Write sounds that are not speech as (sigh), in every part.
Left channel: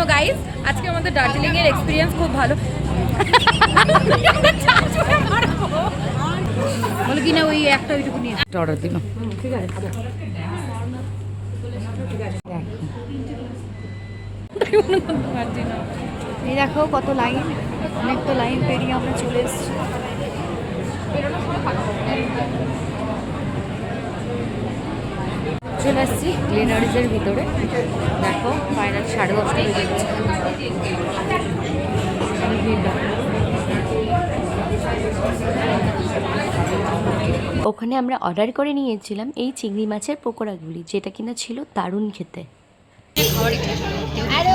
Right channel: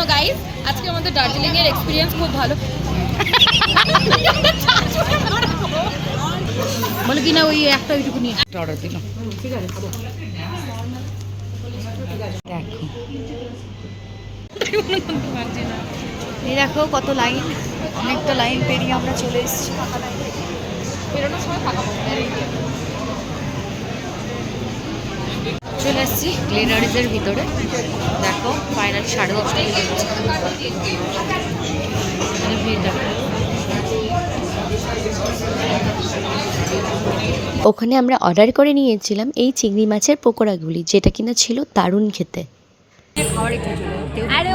শোনো গাইস আজকে আমাদের দার্জিলিং এর এক্সপিরিয়েন্স খুব ভালো। বলে কিনা ওই একটা ওইটুকু নিয়ে অর্ডার দিল। ঠিক আছে দেখো। এই দেখো কত লাইন অনেকটা লাইন পেরিয়ে আমরা চলে এসেছি। চলে এসেছি গ্লিনারিজের ভিতরে। দেখো ফাইনাল সাড়ে দশটা হয়ে যাচ্ছে ওখানে আমরা অর্ডার করে নিয়েছিলাম এই চিংড়ি মাছের পকোড়াগুলি, যেটা কিনা ছিল দারুণ খেতে। আরে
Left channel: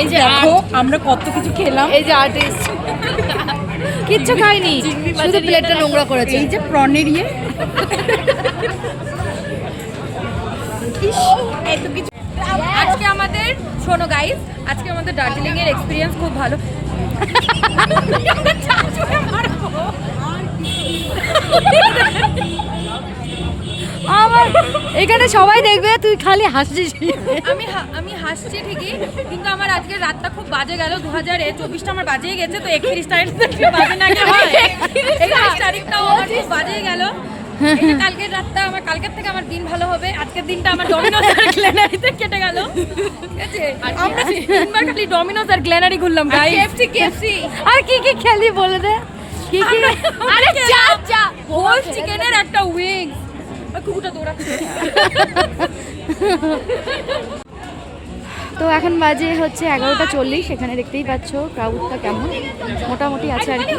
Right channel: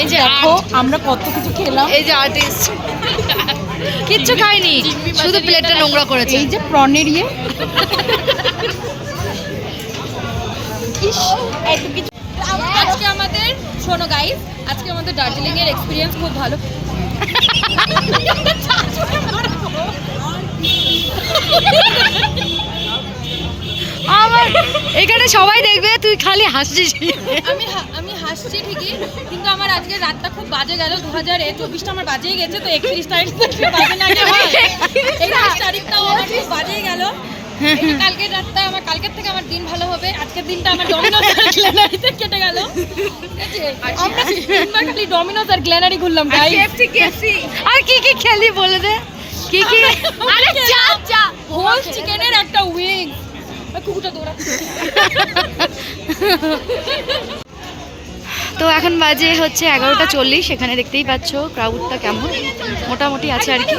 এই যে দেখো আমরা কত কিছু খেলাম। এই যে আর্টিস্ট কিচ্ছু খাইনি শুধু প্লেটটা নোংরা করেছে। এই যে প্রনের ইয়ে আজকে আমাদের শোনো গাইস আজকে আমাদের দার্জিলিং এর এক্সপিরিয়েন্স খুব ভালো। (laughs) আমার এখানে সবাই দেখবে তুই খালি হাসছিস। আমি হা- আমি হাসছি ঠিকই কিন্তু আমার আজকে রাতটা খুব বাজে গেল দু হাজার চব্বিশটা আমার বাজেই গেছে তো একত্রিশ তারিখ বাজে না একত্রিশ তারিখটাও আমার খুব বাজেই গেল। এই কালকের রাতটা আমার কালকের থেকে আমার দিন ভালো হবে আজকের দিনটা আমার ডমিনোজ আর গ্ল্যানারিতে কেটে গেল। আমরা তিনবার খালি ডমিনোজ আর গ্ল্যানারি ঘুরলাম গাই আর কি কি খেলি বলে দে? কি কি? হোল চিকেনের একটা উইং কুকুরটা দৌড়াচ্ছে। তো এখন বাজে হচ্ছে এগারোটা চল্লিশ এখানে দেখতেই পাচ্ছ ক্রাউডটা কেমন। মোটামুটি আছে আর কি।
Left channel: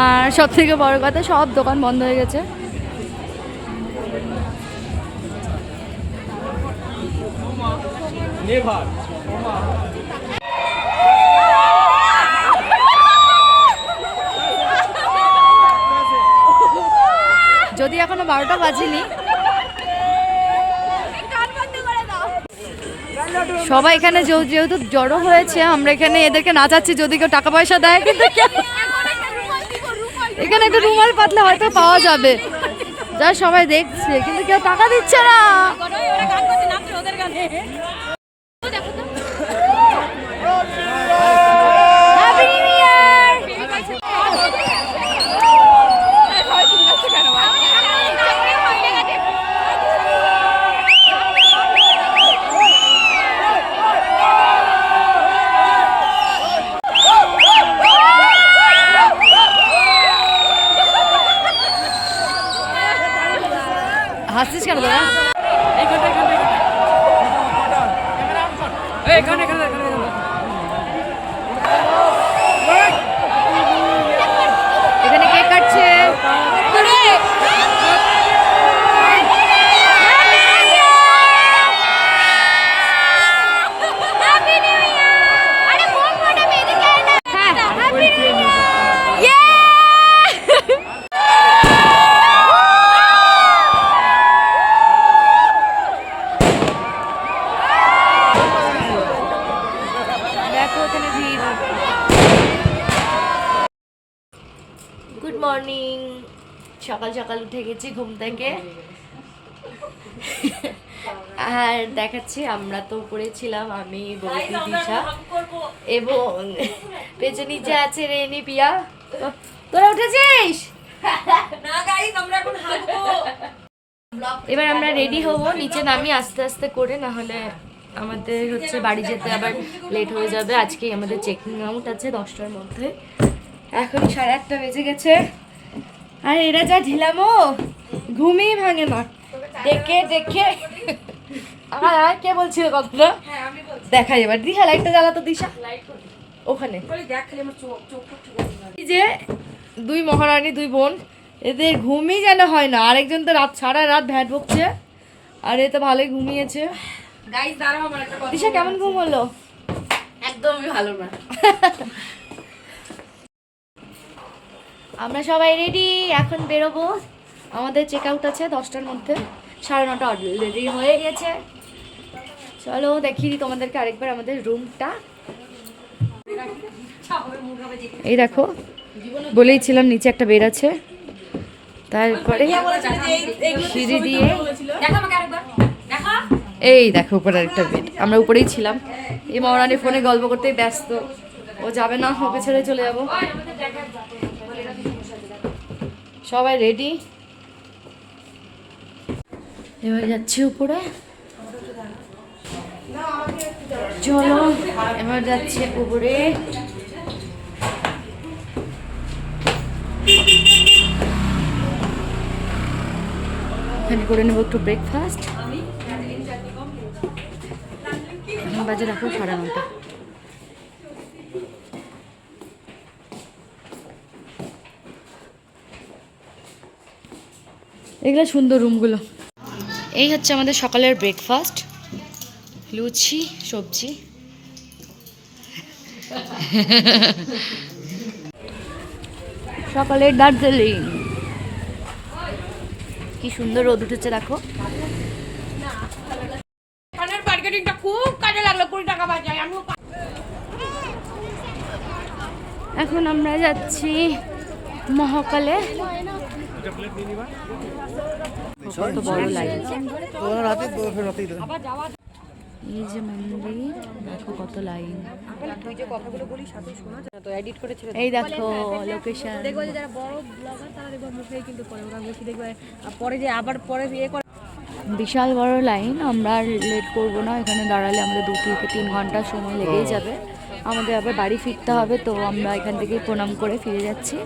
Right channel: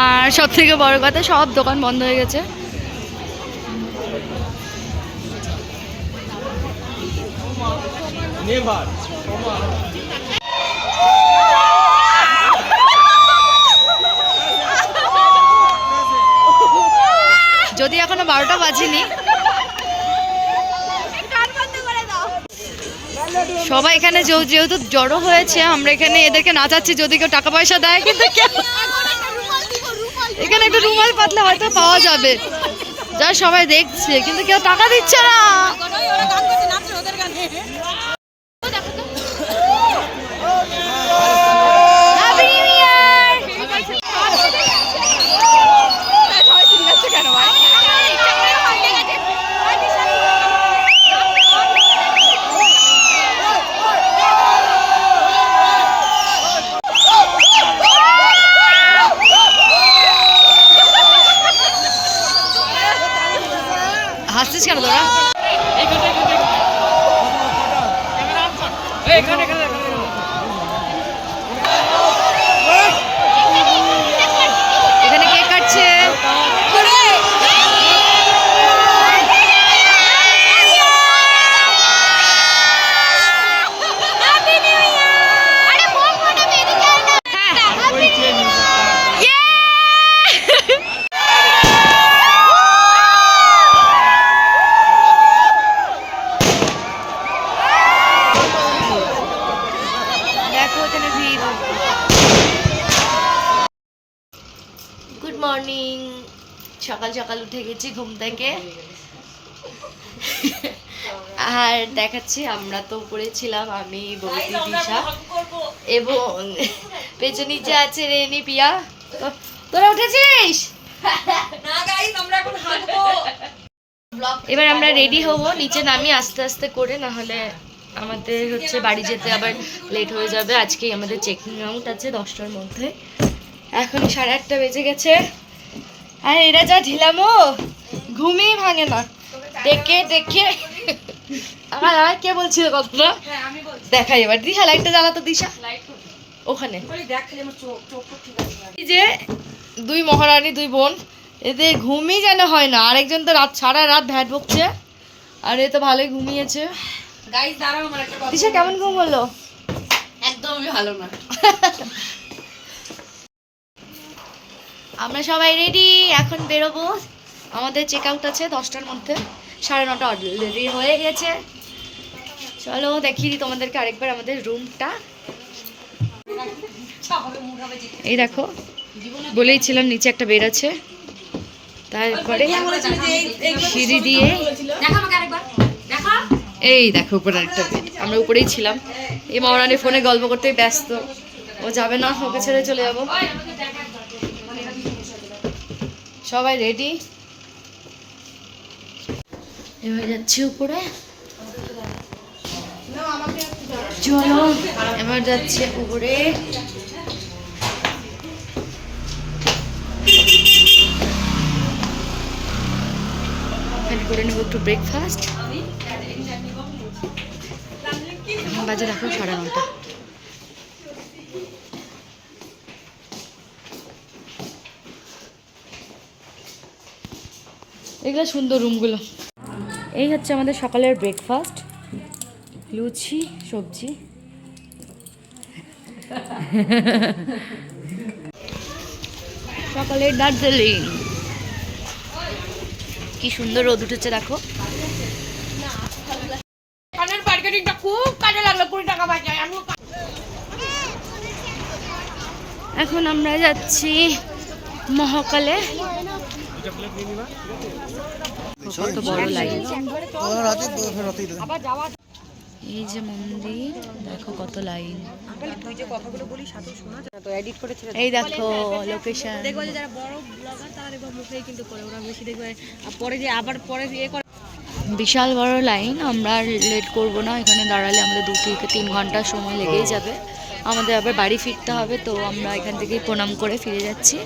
আর সব থেকে বড় কথা সব দোকান বন্ধ হয়ে গেছে। যদি এখনও বারোটা বাজেনি। সবাই এখানে যেহেতু জড়ো হয়েছে, আমরা এখানে এদেরকে নাচাচ্ছি যদি কেউ টাকা পয়সা দেয়, কিন্তু এখানে একটু রুমাল পাতলে হয়তো পাওয়া যাবে। যা সবাই দেখছে, কিন্তু কেউ টাকা দিচ্ছে না। হাসছিস কেন তোরা এখানে কেক কাটছে দেখো এখানে ভিড় গুড মর্নিং সকাল সকাল উঠে গেছি ঘুম থেকে। আর দেখাচ্ছি আমরা তো উপরে ছিলাম আমি বৌদি দিশা। এবং পেছনে যে আছে রেনি পিয়া। তোরা উঠেছিস? এবার আমরা রেডি হব নিচে নামি আস্তে আস্তে করে না হলে আমাদের হচ্ছে বাড়ি যেতে আবার লেট হয়ে যাবে। আজকেই আমাদের চেকিং আউট আছে দশটার মধ্যে। এখন সাড়ে আটটা বেজে গেছে। আর এরা যা ঢিলামো ঘুমিয়ে ভাঙে না। ডেকে আমার আর কে বলছিল কথাটা দেখাই এবার। দিশা লাইটটা জ্বালাতো দিশা। ওখানে। এই যে দুই মহারানী দুই বোন এদের ঘুমই যেন হয় না। আরেকজন তো রাত সারা রাত ভ্যাট বকছে। আর এ তো ভালোই ঘুমিয়েছে। দিশা কেমন ঘুম হলো একদমই ভালো না। (laughs) আমরা সবাই রেডি এখন বেরোবো। আমাদের চেক আউট আছে দশটার মধ্যে। সাড়ে নটা অলরেডি হয়ে গেছে। চলো দেখি তোমাদেরকে আরেকবার আমাদের রুমটা এই দেখো, বলেই ছিলাম নিচে একটা বেড আছে। তারপরে সিঁড়ি দিয়ে এই দেখো উপরে একটা বেড আমরা উপরেই ছিলাম। এই মহারানী ফোনে গল্প করতেই ব্যস্ত। ও যাবে না, ওকে ছেড়ে চলে যাব। সবাই রেডি এবার যাচ্ছি উপরে। চলো এবার যাচ্ছে উপরে। এখানে করে নেব একটু ব্রেকফাস্ট এখন বাজে দেখো সাড়ে নটা। এগুলো সুন্দর রুমগুলো। এই হচ্ছে আমাদের সকালের ব্রেকফাস্ট লুচি, সবজি। সকালের দার্জিলিং। কি সুন্দর রোদ উঠেছে, দেখো। এখন আমরা যাচ্ছি মহাকালে। কত বড় লাইন এই যে মন্দির দেখো কত লাইন এই দেখো লোকেশন যারা বড় ব্লগার তারা মুখে কিন্তু করে ওরা বেশি দেখবে। পরে যে আবার পরে ইয়ে করে বিশাল বড় লাইন আমরা লেট করব না। এখানে দাঁড়ালে আমাদের দু থেকে তিন ঘণ্টা সময় লেগেই যাবে। আমাদের আবার বাড়ি ফিরতে হবে তো আমরা এখান থেকেই প্রণাম করে ফিরে যাচ্ছি।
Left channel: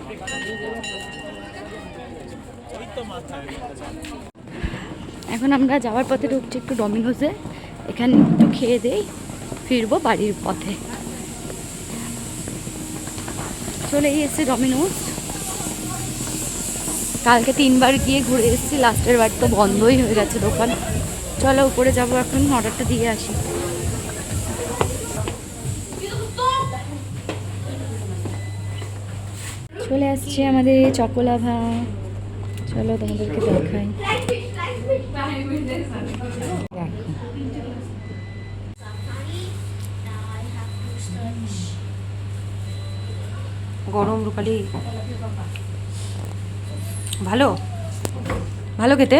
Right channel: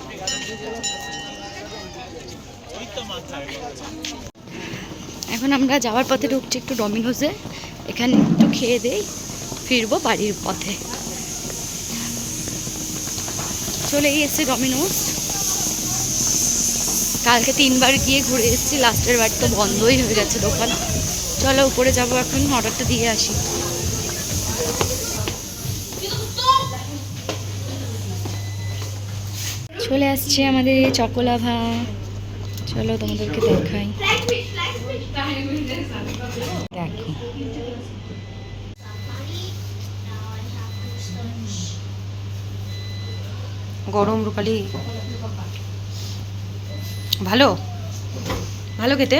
এখন আমরা যাওয়ার পথে ঢুকছি একটু ডমিনোসে এখানে একটু খেয়ে দেই ফিরবো বাড়ির পথে। চলে এসেছে ডমিনোস কালকে তিনবার গিয়ে ঘুরে এসেছি, লাস্টের বার তো বন্ধই হয়ে গেছে দোকান। চলো, উপরে যাব এখন, অর্ডারটা দিয়ে আসি। চলে আসছে আমাদের চকোলাভা চলো তোমাদেরকে দেখাই। দেখো। গরম রূপালি। ভালো? ভালো খেতে?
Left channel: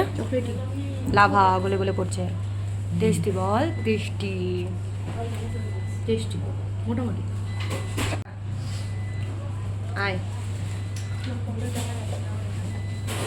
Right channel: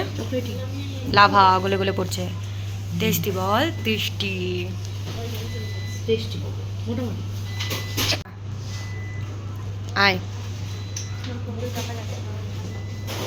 লাভা গলে গলে পড়ছে। টেস্টি বল টেস্টি। টেস্টি মোটামুটি। আয়।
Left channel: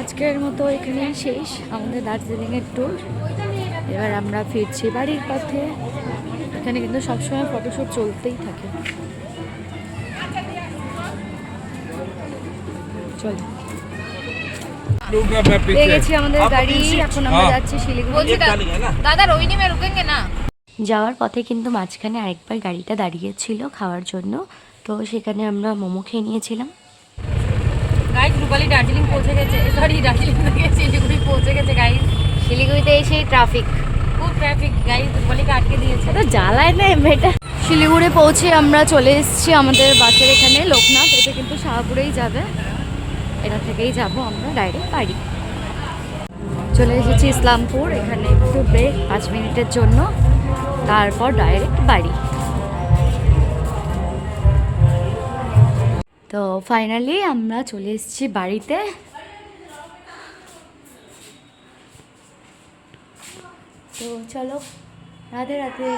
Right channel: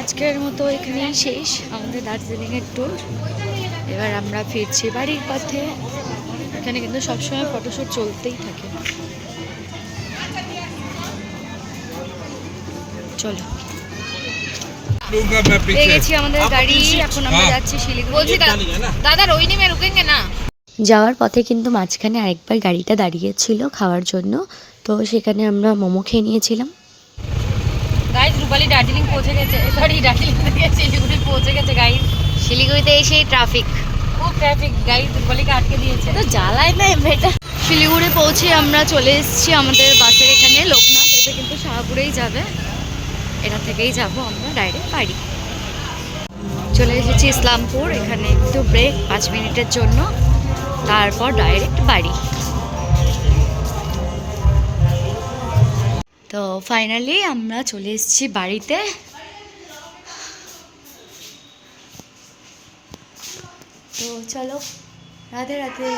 আজকের মতো এখানে শেষ আমাদের দার্জিলিংয়ের ট্যুর এবার আমরা ফিরছি বাড়ির পথে। এখানে কিন্তু সবসময় ফটোশ্যুট চলতেই থাকে। চলো। পেয়ে গেছি আমাদের গাড়ি। এখন আমরা যাচ্ছি শিলিগুড়ি। দাদা রোহিণী মে রুকেঙ্গে না? যাওয়ার পথে কিন্তু মাঝখানে আরেকবার গাড়িটা দাঁড়িয়েছিল খাওয়ার জন্য। তো সেখানে আমরা মোমো খেয়ে নিয়েছিলাম। গাইজ রূপালি দার্জিলিং পৌঁছে গেছে। সরি দার্জিলিং থেকে শিলিগুড়ি পৌঁছে গেছে গাইজ শিলিগুড়িতে এসেই ট্রাফিক খুব ট্রাফিক গাইজ রূপালিকে আটকে দিয়েছে। জ্বালায় না এটা শিলিগুড়ি পৌঁছে আমরা চলে এসেছি আমাদের বাসের এখানে লোকনাথ। এটা কিন্তু শাহপুরেই যাবে। এটা থেকেই যাব আমরা ডাইরেক্ট বাড়ি। চলে এসেছি ইসলামপুর এখানে একটু ব্রেক পাঁচ মিনিটের জন্য। তারপর ডাইরেক্ট বাড়ি। তো ফাইনালি আমরা চলে এসেছি বাড়িতে। তো চলো রাধে রাধে।